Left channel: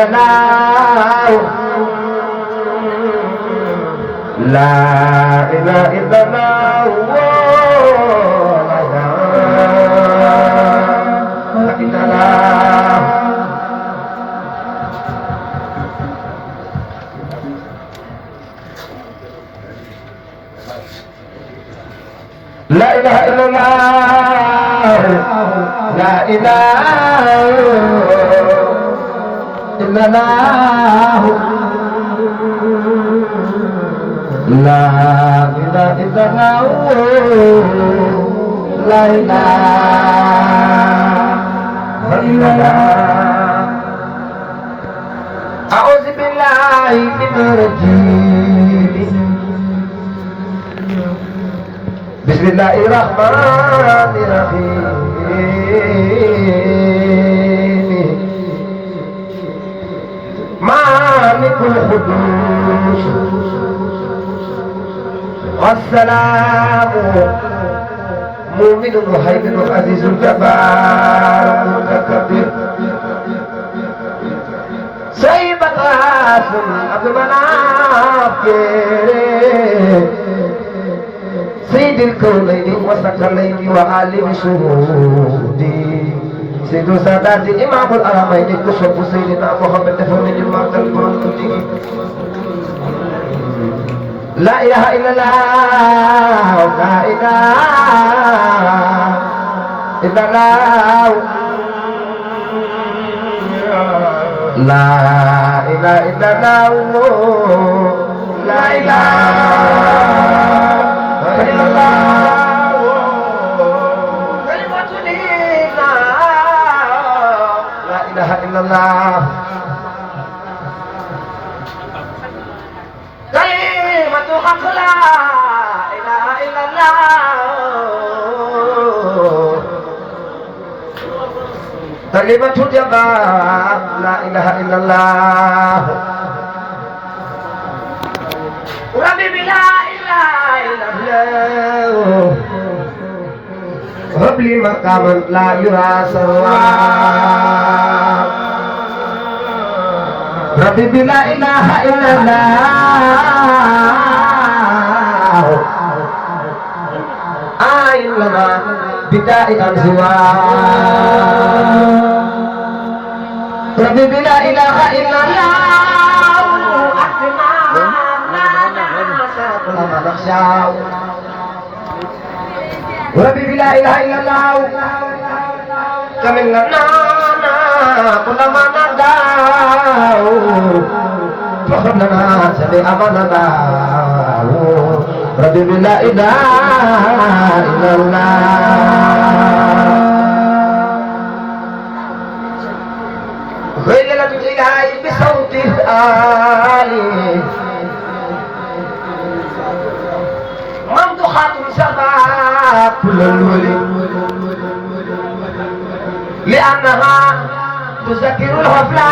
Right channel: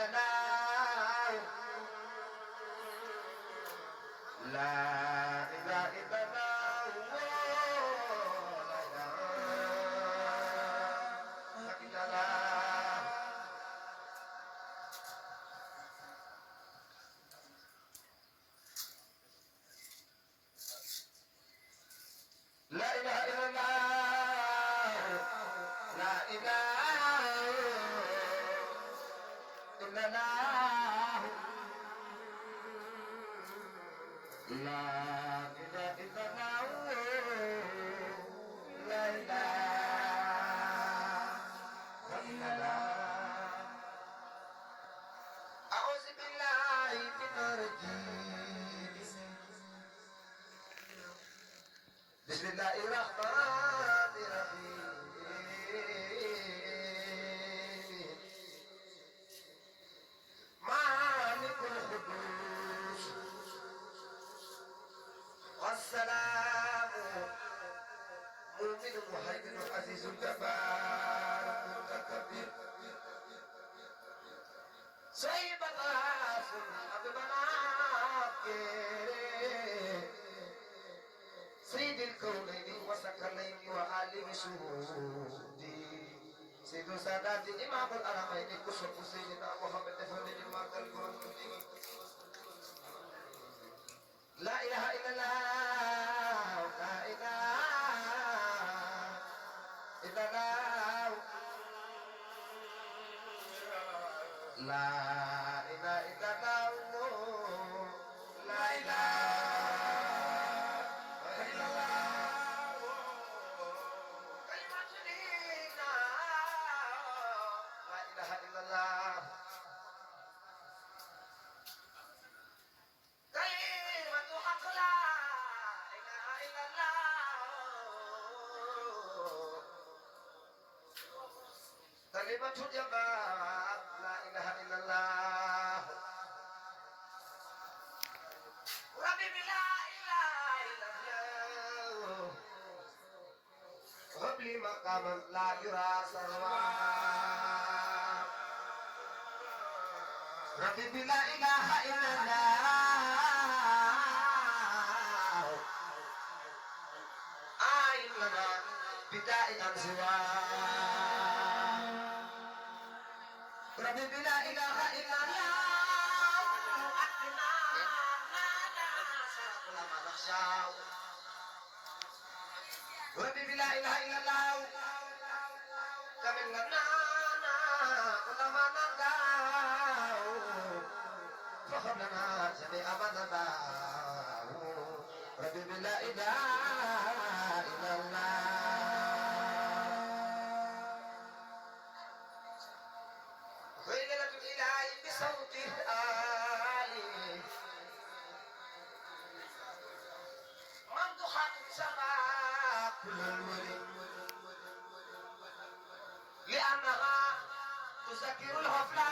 إلا الله لا إله إلا الله لا إله إلا الله لا إله إلا الله لا إله إلا الله لا إله إلا الله أعوذ بالله من الرجيم بسم الله الرحمن الرحيم مالك القدوس والسلام مؤمن مهيمن عزيز الجبار المتكبر سيد القاسم عبد المناف سيد الكونين وثقلين وعالم شهودي سيد سادات إمام الأرامين كشف سيدنا محمد فمن المعد البرمجي لا إله إلا الله لا إله إلا الله لا إله إلا الله لا إله إلا الله كلمة دينا لا إله إلا الله كلمة حق لا إله إلا الله كلمة جبار لا إله إلا الله ربي بلا إله إلا الله هب لي مقاما لا يرى سواه ربي بلا إله إلا الله إلا بدائي أنزواه ربي بلا إله إلا الله ربي بلا إله إلا الله كمن لنا كل ما ندعو فخر لنا سبي أماننا ربي بلا إله إلا الله غير الإله بصوت الآلي ممدوحات سبا كل الولي لأنها تذكر الغفلان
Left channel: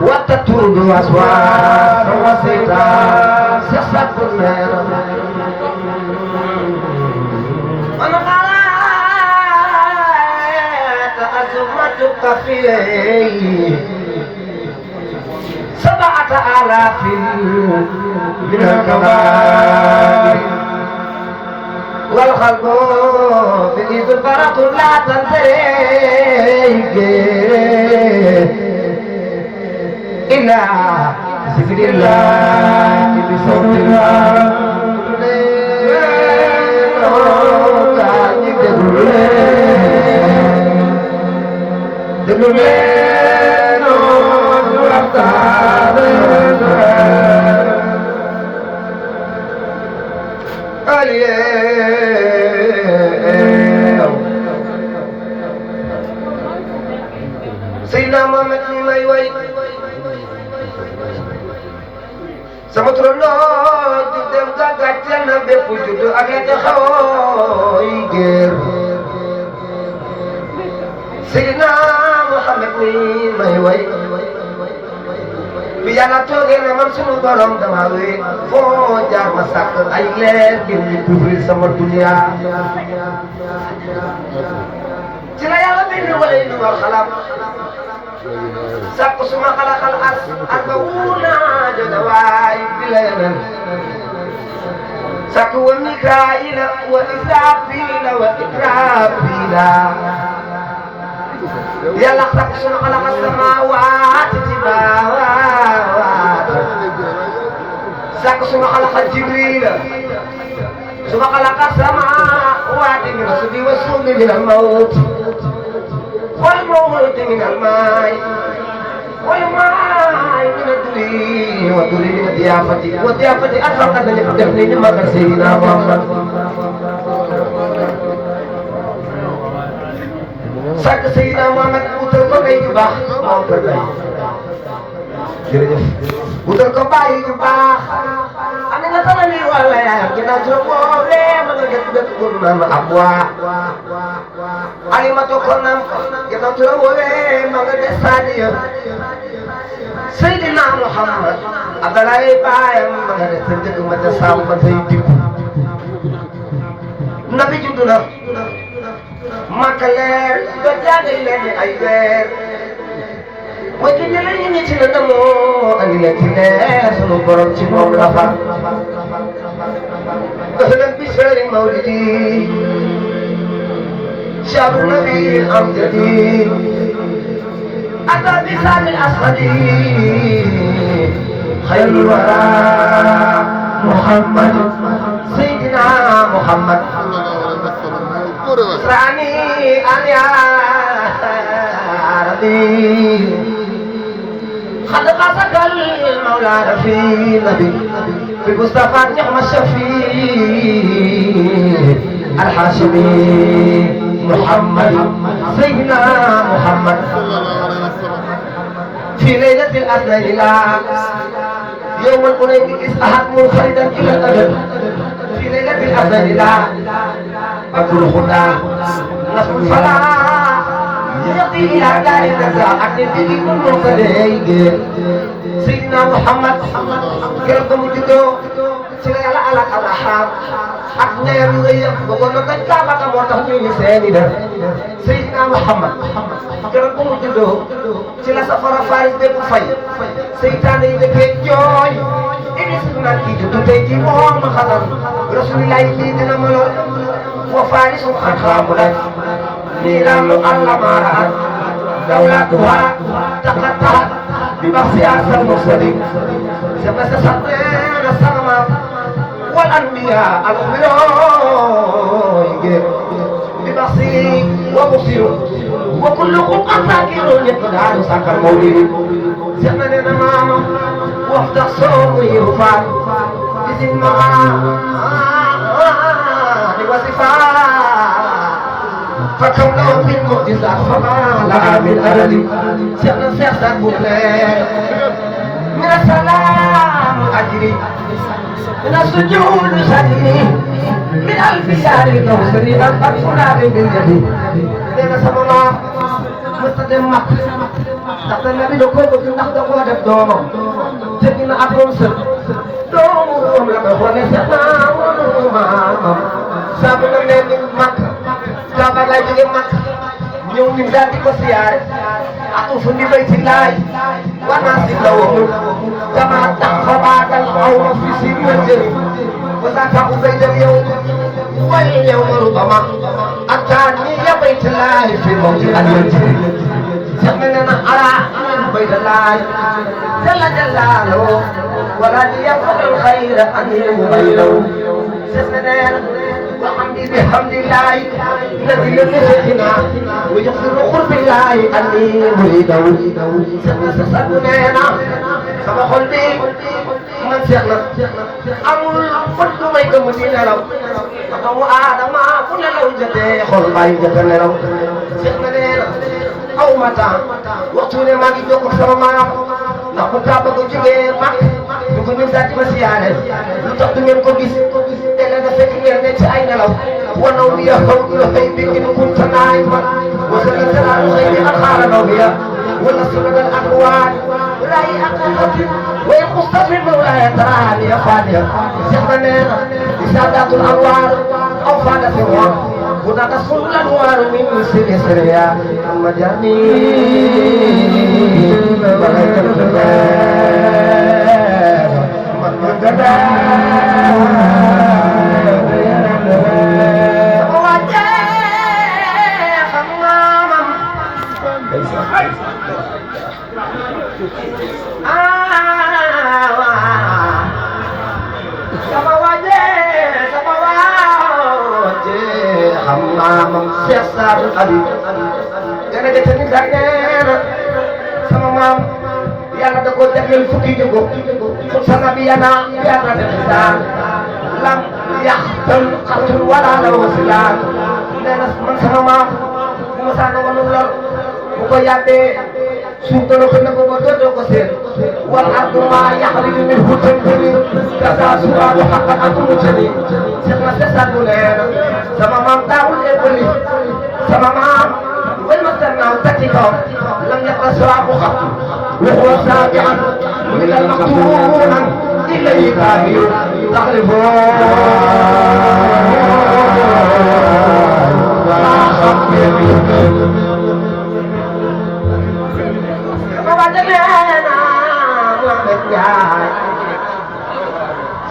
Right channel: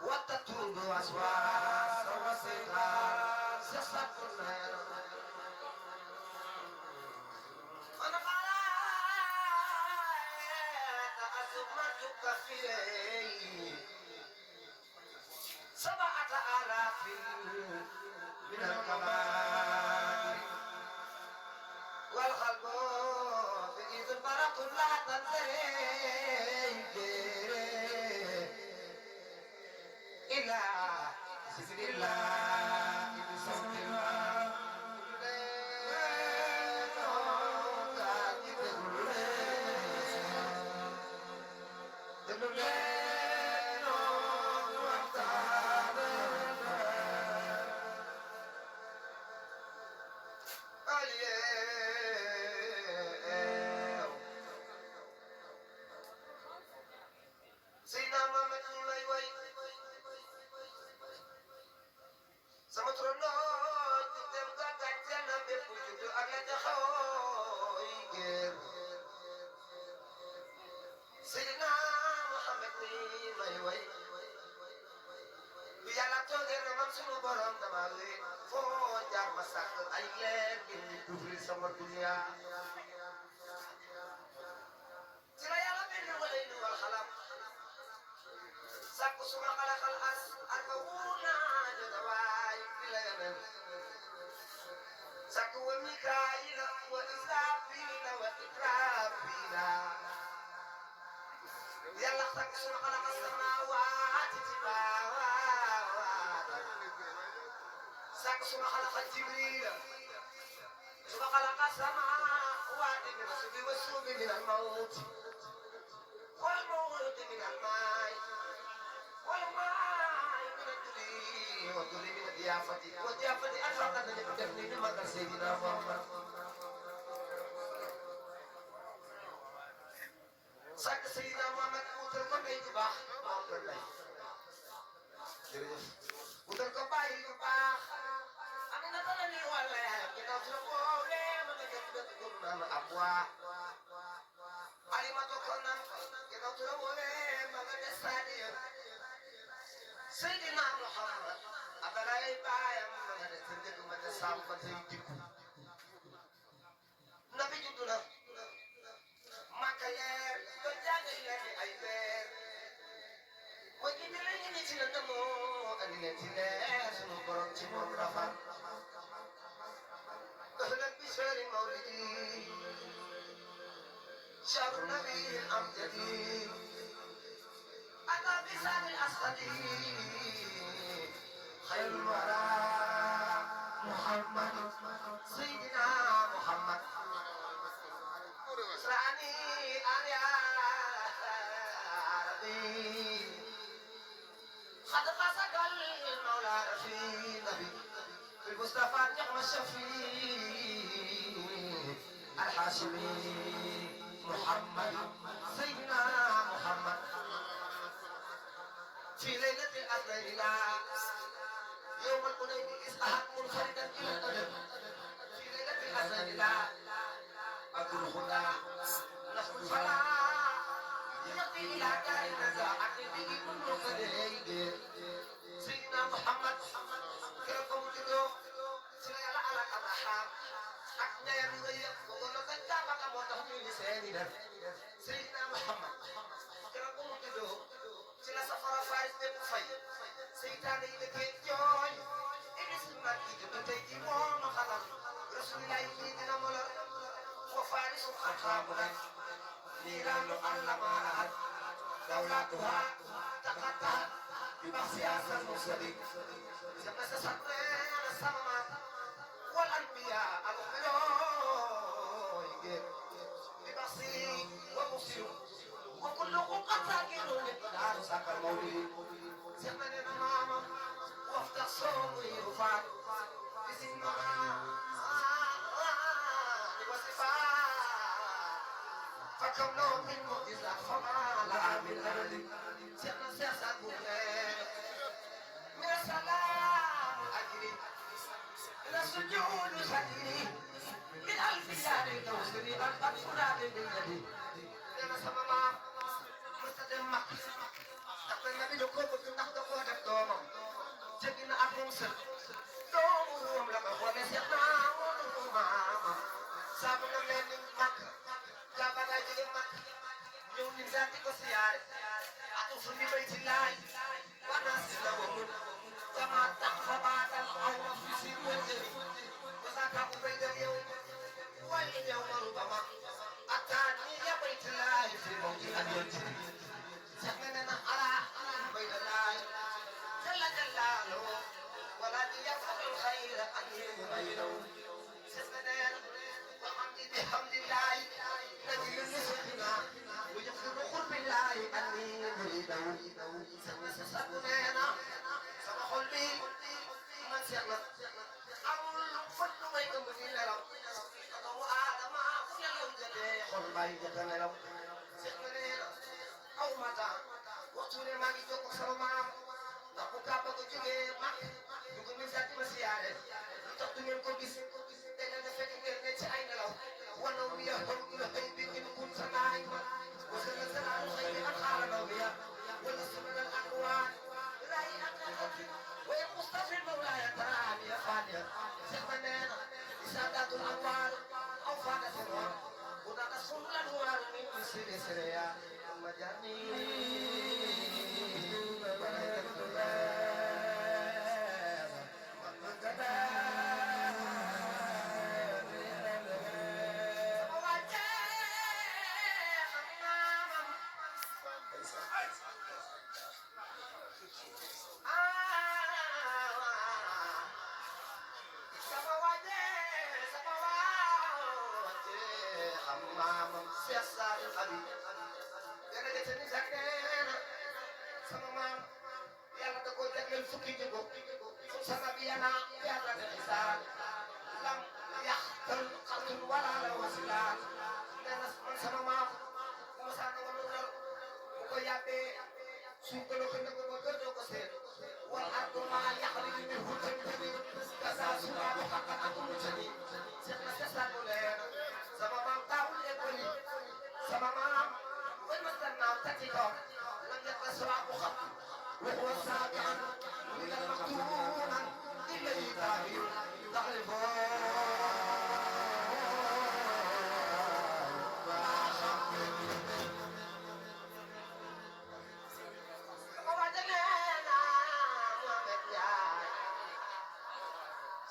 وتطرد أصوات وسيطة سيسة النار أزمتك فيه 7,000 من الكبائر والخلق بإذ البرق لا تنتهي إلى ذكر الله بصوت الله Seydina Muhammad mi may way sama turandoo di dem gàggal na bépp juddu ak la taxawooy géer Seydina Muhammad mi may way bi yàlla toogee ne man sunu borom dama wéet foo jaar ma sàkk ay leer ngir ñu couvrir sama dunia ci la yàlla bind wala ñu war xalaat sàkk suma xalaxal arba wuuna joga waay bi la yeneen sàkk wa mikaayila wa israafila wa itraafila yàlla sàkk suma xalaxal samaawaati ci baawaat sàkk suma xalaxal jibrila suma xalaxal samaawaati min subi wa suumi min al mawt والموت من الماء والماء من الدري والدري من الضيافة والضيافة أرفق أن يقدمني مقر سيدنا محمد سك سيدنا محمد وتركوا بي جباه موقع بي وتركوا بي جباه أنا نتنى ولا يا كنا تركوا لي من جدد كنا أبوا alimatu konam kita tuwe mangade sadiya Sayyidina Muhammad adalay bayam mangade sëndëg mata samba tay dib nabi judduna Makka leer do jaagay leen ay weer way ki ñe lañu ñi ci la mo andi leen ci leer sunu borom ci moom la fa ahlan bi shari mawlidi شعب النبي الأمجدي أتى بسام الأسودي خير الورى محمد سيدنا محمد راني أن يا ربي قد قصد المولى في نبي بمصطفى نعم الشفيع الحاشمي محمد سيدنا محمد في ليلة الأثنين يوم القريب إسحاق منفردا إلى الأبد في ليلة الأثنين بدر الهدى نصر الفلاح يقضي إلى دار النزاع أكل به كل منفرد سيدنا محمد كرم جدو سيدنا على الأرحام ak neer yu rëy yëpp ba ko nag dañ kaa baka moo tax ñu seeni def Seydina Muhammad keroog bu mu juddoo ci la safara faris bépp fay seytaane yi dëkkee jooy iblis naan kii juddu tey jii moom ma xatal rasulillahi lii dina ma lor wa farisu xataamu lay niiraanu allah maaraat dawlatuha taqattaat bi baxsi asal mursalin sama sa sabneena sama والأنبياء الأخبار ببصير وبصير وكلكم أساكر يقدر سكر مولد زمننا ماما وقت الصوم يرفع بسم معاني وصفات فكم له من معجزات فما لها من أبد سيحنا سيحسن من السلام أجري من السجود سجني من ألف شهر كوثري قد فلان بالجدي لنا سمنا مستدم مكة تحت النبي دكوي بكي نحن قوة دوما تجينا أبرم سر دوم لما هو نسينا سابنا من مكة سابنا لجي مكة ñëw ñu daal di ko siyaare atu fu ni bayti laay wanasi lawum kama taxabatal awma fi si wajri wa zaka ubaydal yawm wal yawm rubama atani ya bayti laay fi mawti al yajri samana ara bayti laay jalla jalalu wala yafqal al khayr an yubaylu samana وحمدي بحمد الله الذي لم يزدنا ويغفر قرب الله أني مريده سبنا سبح البي من سيغنا أمول فرد ما يكمل لهم فقو آدم كل لوجته خل ما يجتن لهم سيغنا أو متى وقتنا ما يجوك سرما نقول كابك جوه مك نقول من ذات مسيانة نتقدم من كوبيس ونومي فوق الغيب إن كنت نائما وسلت على الغيب أخار نومي ونصر الأقوال لا يأقلت ويخص في المولاي تراني فانيا سيخنا سادات الانوار او فانا سوى هناك كل الانوار من سر سريا مجاني Siasar Ali, karena dia seni darah sama mam, yang ada kau jaga fukti juga, sama biana biana dengan lam yahtam qatul wala la wasilan, dan sama mam, masana manular, bukannya Sultan kena berbuat dosa, wal aku ma yahrim min hutan ini, kata surah hakat aku menjadi, semasa satu lena, sama mam tahu beli, sama mam, bermacam nak ketika, lamnya kasar aku hati, wahwa sabian, minal maktuman, ilai kahiu, taklifon,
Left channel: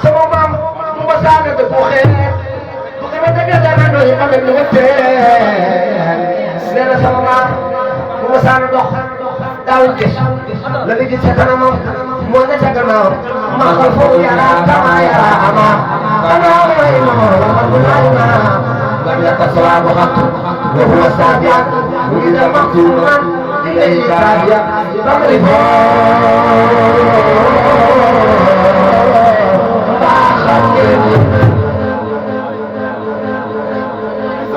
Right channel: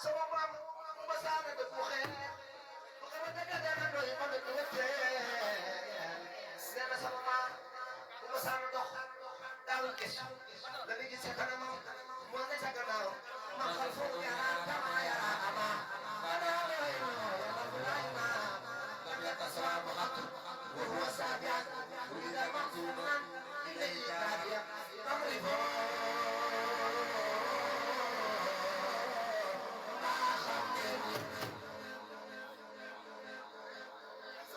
semua mam membesar itu bukan tapi jangan doy ambil nuwete nena sama mam membesar doh daun kis lebih di sana mam muanya jangan mau makhluk ya kama ya ama kana wa imam rabbuna lam yatasawab hatu wa huwa sabian ila maqtuman ilaihi kahiya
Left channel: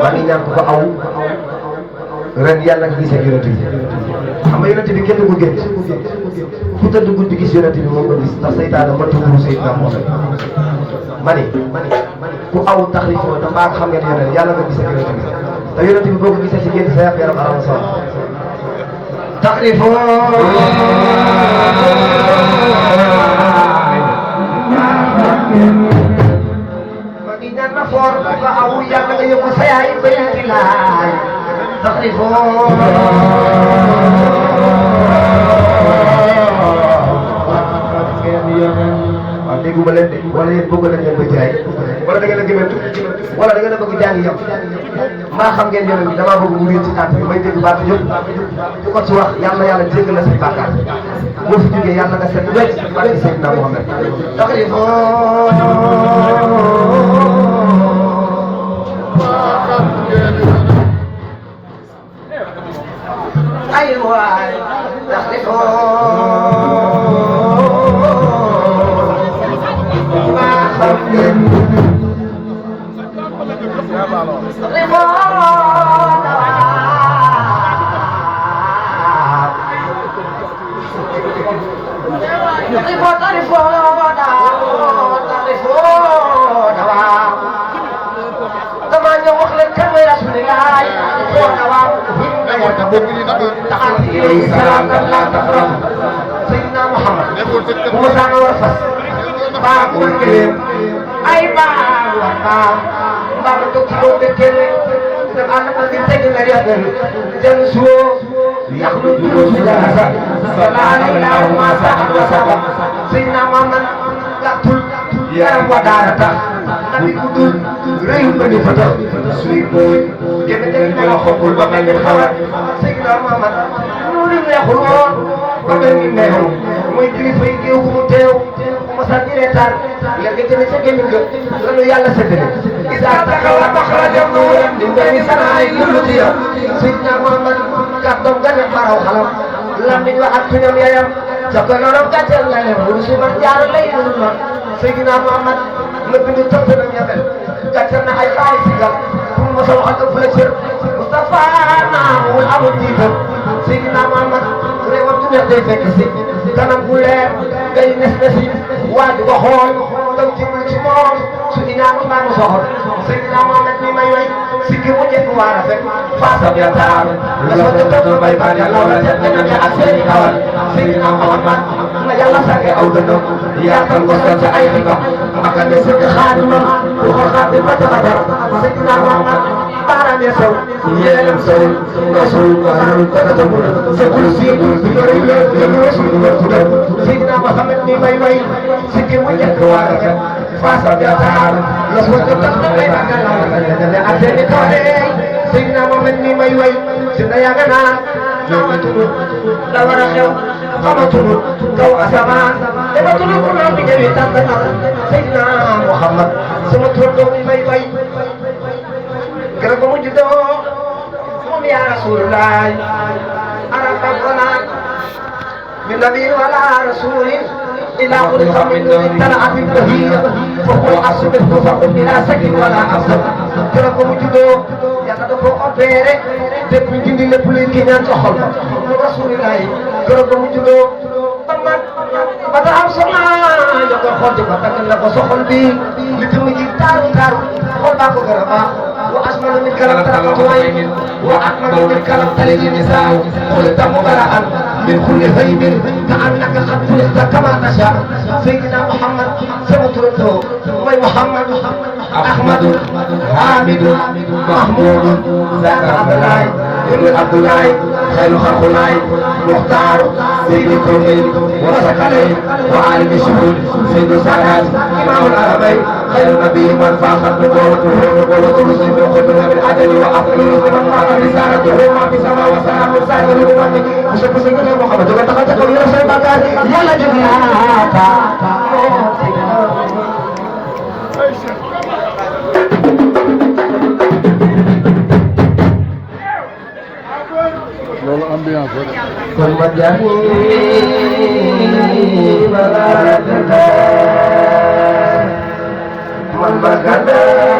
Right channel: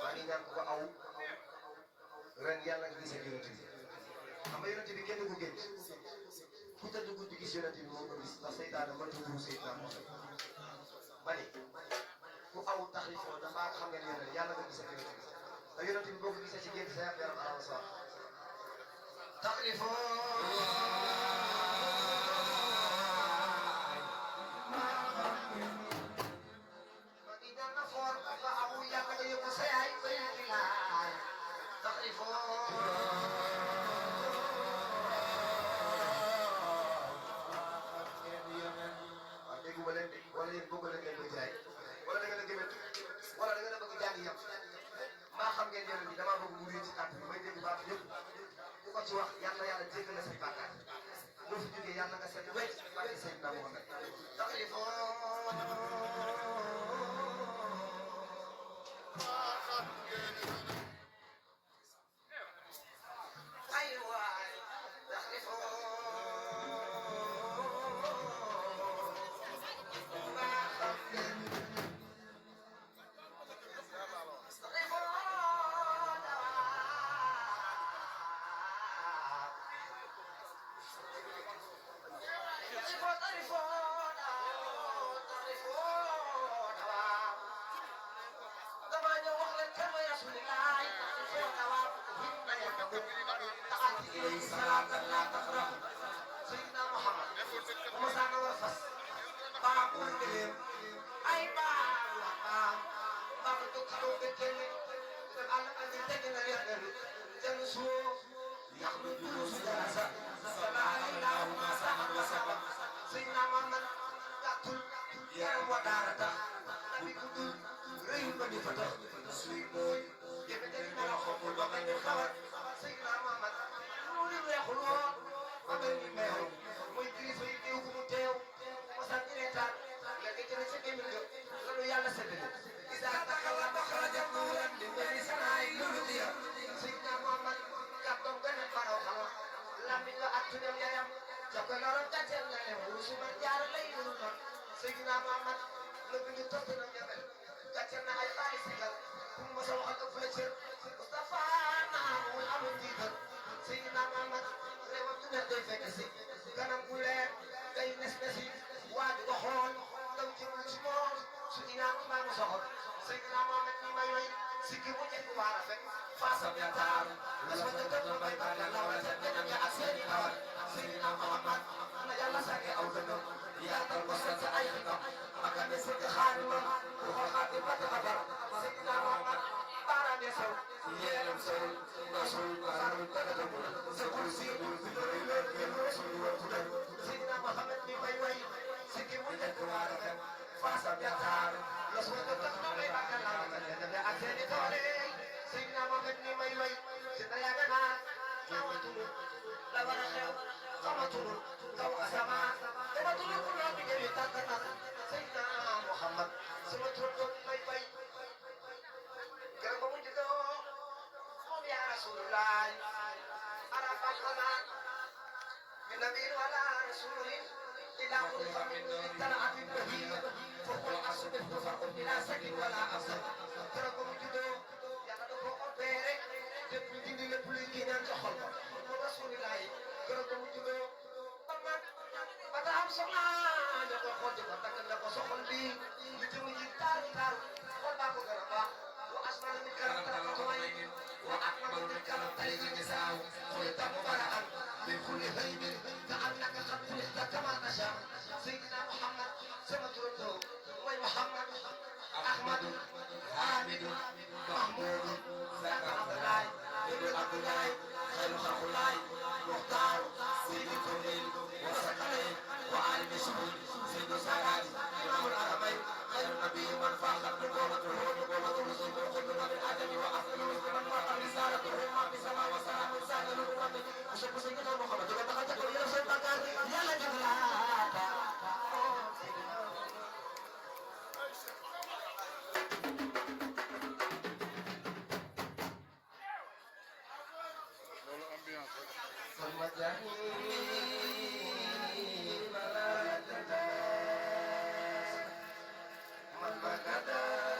mani ñaan ko aw ren yàlla nga gisee yonent bi xam nga yonent bi kenn du ko gént ku tëdd guddi gis yonent bi moom nga gis ndax seytaane mënta wuru Seydina Muhammad mani ku aw taxrifoo te mbaa xam ngeen yonent yàlla nga gisee yonent bi te yonent bi boo ko gisee ci gént sa yàq yaram aram sol taxrifoo for ka awu yàlla nga yóbbu sa yaay ba ci laay taxrifoo waaw déggu ma leen de wala yéen bëgg nañ leen ba jaay wala da ngeen a gëmëntu wala da ngeen a bëgg jàng yam maa xam ngeen yoon bi damaa bëgg mu riir ci tànt bi may dégg baatu yëpp di ko ci wax yàlla yàlla jéggal la say bàkkaar boo fi jógee yàlla nga set wecc barke Seydina Muhammad taxrifoo أيوة Sayyidina Muhammad Musa warfas baakul kelim ay baawa baam to ci do kele dem an ko di tegg na yadal jëm suwo yaxlu du sulasa sallallahu ma sa'ad wa sabab Sayyidina Muhammad gatul yaram wa darata nabi kudul reyu ko ni fata suy boy gene gene ko xobul ba mel ni xawat Sayyidina Muhammad nuri neexul woon ba mel ni neew mooy kilifa yi géew bu mu teew ma sa di reetaan léegi jëme sa gémmiñ nga lanu yàlla séddale isa taxawa maxrajam nuuram di mbéy sanaay lulu diya Sayyidina Muhammad kàddoom gane baraw xalam lammiñ wa ak tuñam yayam sa ko norom gàcceel la leen wuru si man jaar lay dul ma Sayyidina Muhammad la bindu tëpp na ñabel gàcceel na ay baay sigal pour ma sa waxal ëpp la cër Mustafa naamul amul tiitam Sayyidina Muhammad réewam du neex day fekk si kanam bu leer ngay nes nesi waa di ko xool taw jëmul ci moom su inaanu mbaa mu soxor Sayyidina Muhammad mi may way sikki mu njëkk waa rafet faasam ya taar la soo jëkkatu bay baa ya law la set na ak seeni kawal Sayyidina Muhammad na yàlla sàkke aw dënnam yaatal ko sa ay xikam maka ne sëkk xaadimam bu ko xaadim ba taxatar Seydina Muhammad baaraam ya saw yéenam sawul rasul rasul takatamul sekul siidu bi yore yéen rasul tudal Seydina Muhammad ni may way sikki mu njëkk waa rafet faasa bi ataar los wa tax na may magal la ak seeni toore Seydina Muhammad ni may way si na yàgg naa xamatunu la war a xew xamatunu kaw asamaan dematunu ko naan bi ñëwi tànn na Seydina Muhammad sama turandoo mi may way keroog ba mu juddoo moom yaa Rasulullah arafana min nabiyin wala rasulin ila xuliqa min nurin talaatin bahiyya fa huwa asbir faqul ila sakin wala asab keroog ba mu juddoo yàlla da ko opéré lépp ñu dindi lépp luy kii ñaan ca xol ba mu Rasulullah keroog ba mu juddoo ba mag ba ta am soxna ñu ko xool ci ba taggal la ko soxol bi li tamu ji taaru taaru xool baa ko gën a baax وأجمل من كلام ترقت وعين وأكمل من كلام تلد النساء خلقت مبرأ من كل غيب كأنك قد خلقت كما تشاء سيدنا محمد سمترته وي محمد أحمد حامد محمود ذاك عبد الله ابن عبد الله خير خلق الله مختار سيد الكونين وسكنين وعالم الشهود سيد السادات إمام العربين خير نبي من فاخر نبوته نبوته رسل وقتنا بالعدل وأفضل رسل من قام رسالته ما في سماء وسلام سائر الأمم مشرف سيدنا محمد وقد تقدم إلى سيدنا يلا جبناتا loolu ambiance kon ma jàngi malaaka man ma gàddaa